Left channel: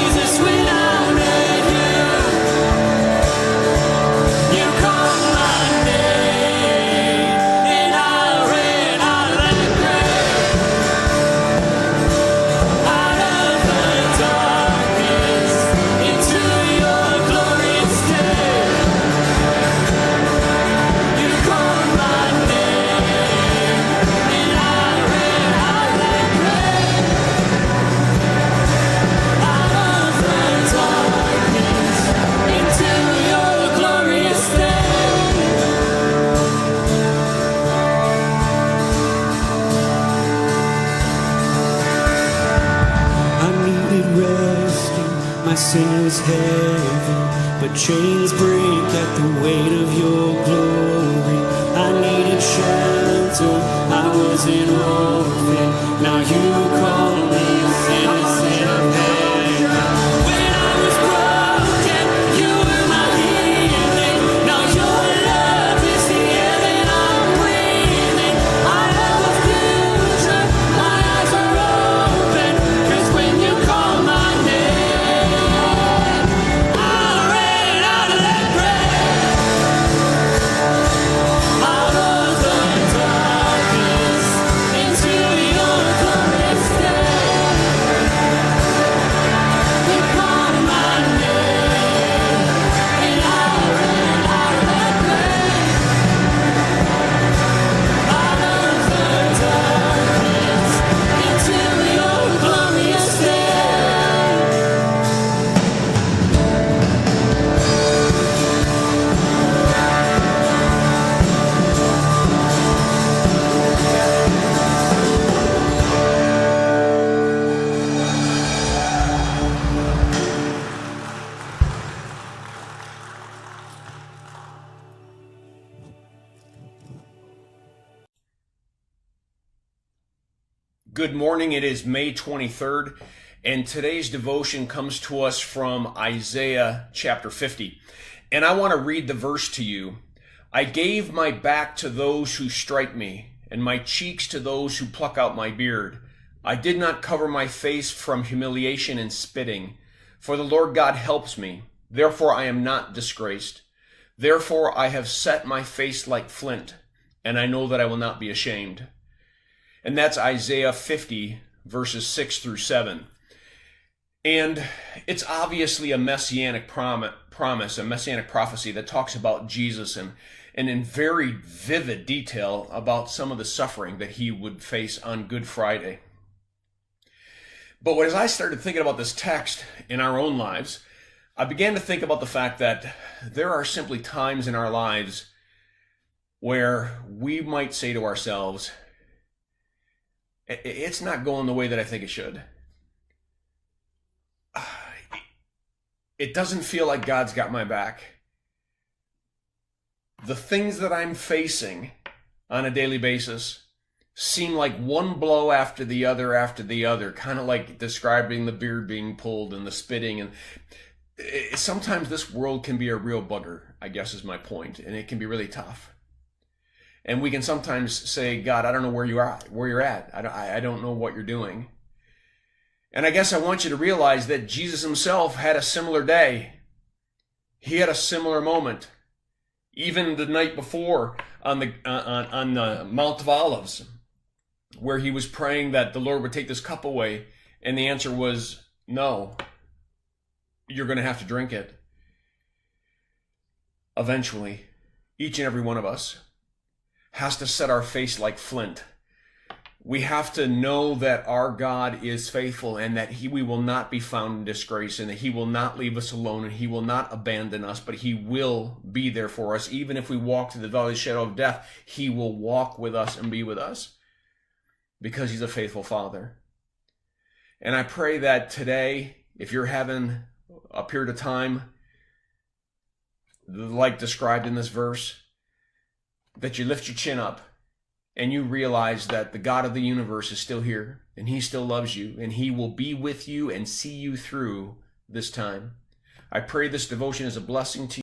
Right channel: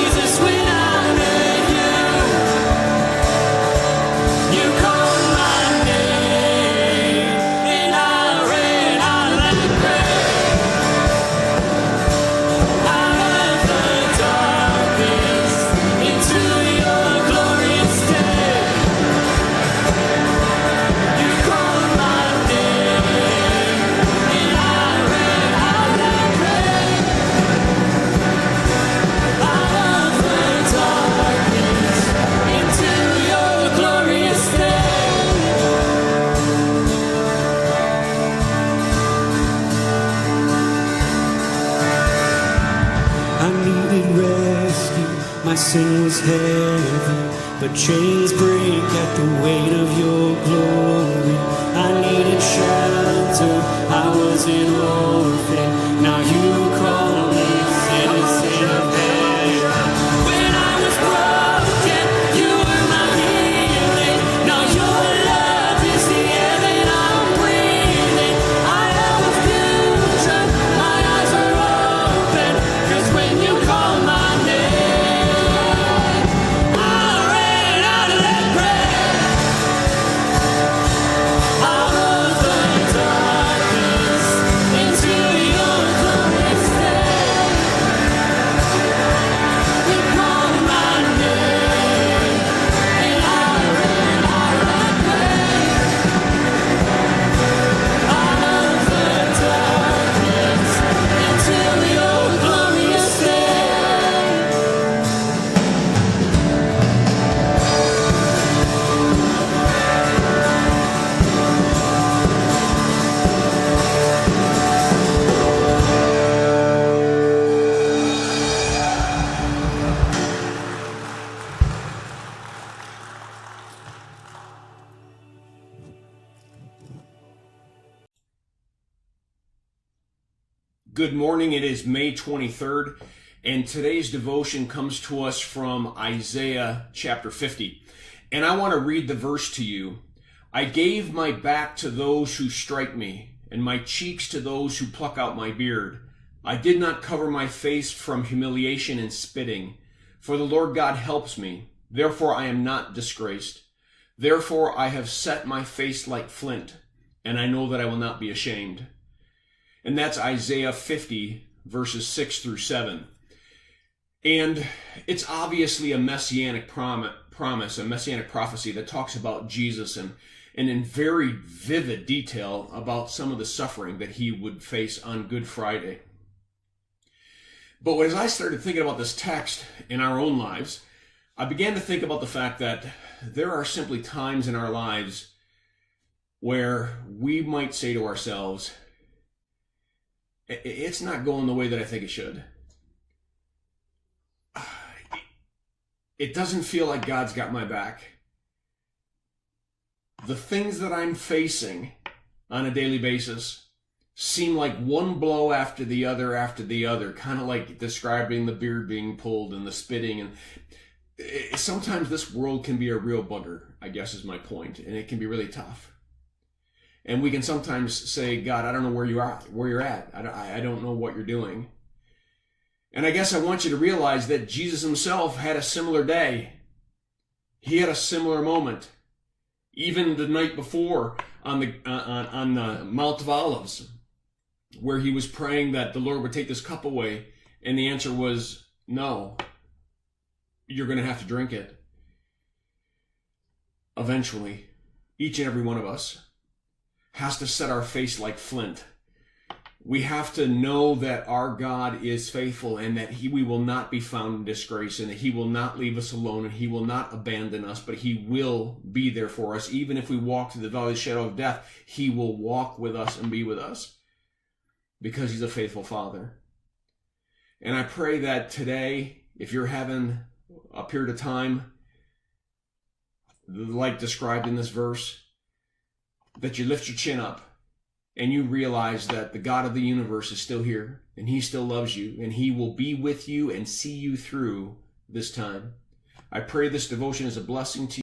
Jesus, when I met you, you called my name, and I ran out like rain, out of the darkness into your glorious day. You called my name, and I ran out like rain, out of the darkness into your glorious day. I needed rescue, my sin was heavy, but chains break at the weight of your glory. I needed shelter, I was an orphan, now you call me a citizen of heaven. When I was broken, you were my healing, now your love is the air that I'm breathing. I have a future, my eyes are open, 'cause when you call my name, I ran out of that grave, out of the darkness into your glorious day. You called my name, and I ran out of that grave, out of the darkness into your glorious day. Good morning. It is May 23rd, and today's devotion comes to us from Isaiah chapter 50. And I want to read the verse to you. I gave my back to those who strike me, and my cheeks to those who pluck out my beard. I did not cover my face from humiliation and spitting, for the Lord God helps me. Therefore I am not disgraced. Therefore I have set my face like flint, and I know that I will not be ashamed. And that's Isaiah 50, verses 6 through 7. And it's obviously a messianic promise, a messianic prophecy that talks about Jesus and in very vivid detail about some of the suffering that he would face on Good Friday. But as I started thinking about this text in our own lives, I began to think about the fact that there are simply times in our lives where we might say to ourselves, it's not going the way that I think it should. It doesn't feel like God's got my back. The things that I'm facing on a daily basis seem like one blow after the other, kind of like describing the beard being pulled and the spitting. And sometimes this world can be a real bugger, I guess is my point, and it can be really tough. And we can sometimes say, God, I don't know where you're at. I don't know what you're doing. And I guess I want you to realize that Jesus himself had a similar day. He had a similar moment. Even the night before on the Mount of Olives, where he was praying that the Lord would take this cup away. And the answer was, no, you're going to have to drink it. Eventually, each and every one of us has to set our face like flint. We have to know that our God is faithful and that we will not be found in disgrace and that he will not leave us alone and he will not abandon us, but he will be there for us. Even if we walk through the valley of the shadow of death, he will walk with us and be with us because he's a faithful Father. And I pray that today, if you're having a period of time like described in this verse, that you lift your chin up and you realize that the God of the universe is still here and he still loves you and he will be with you and see you through this time. I pray this devotion is a blessing to you.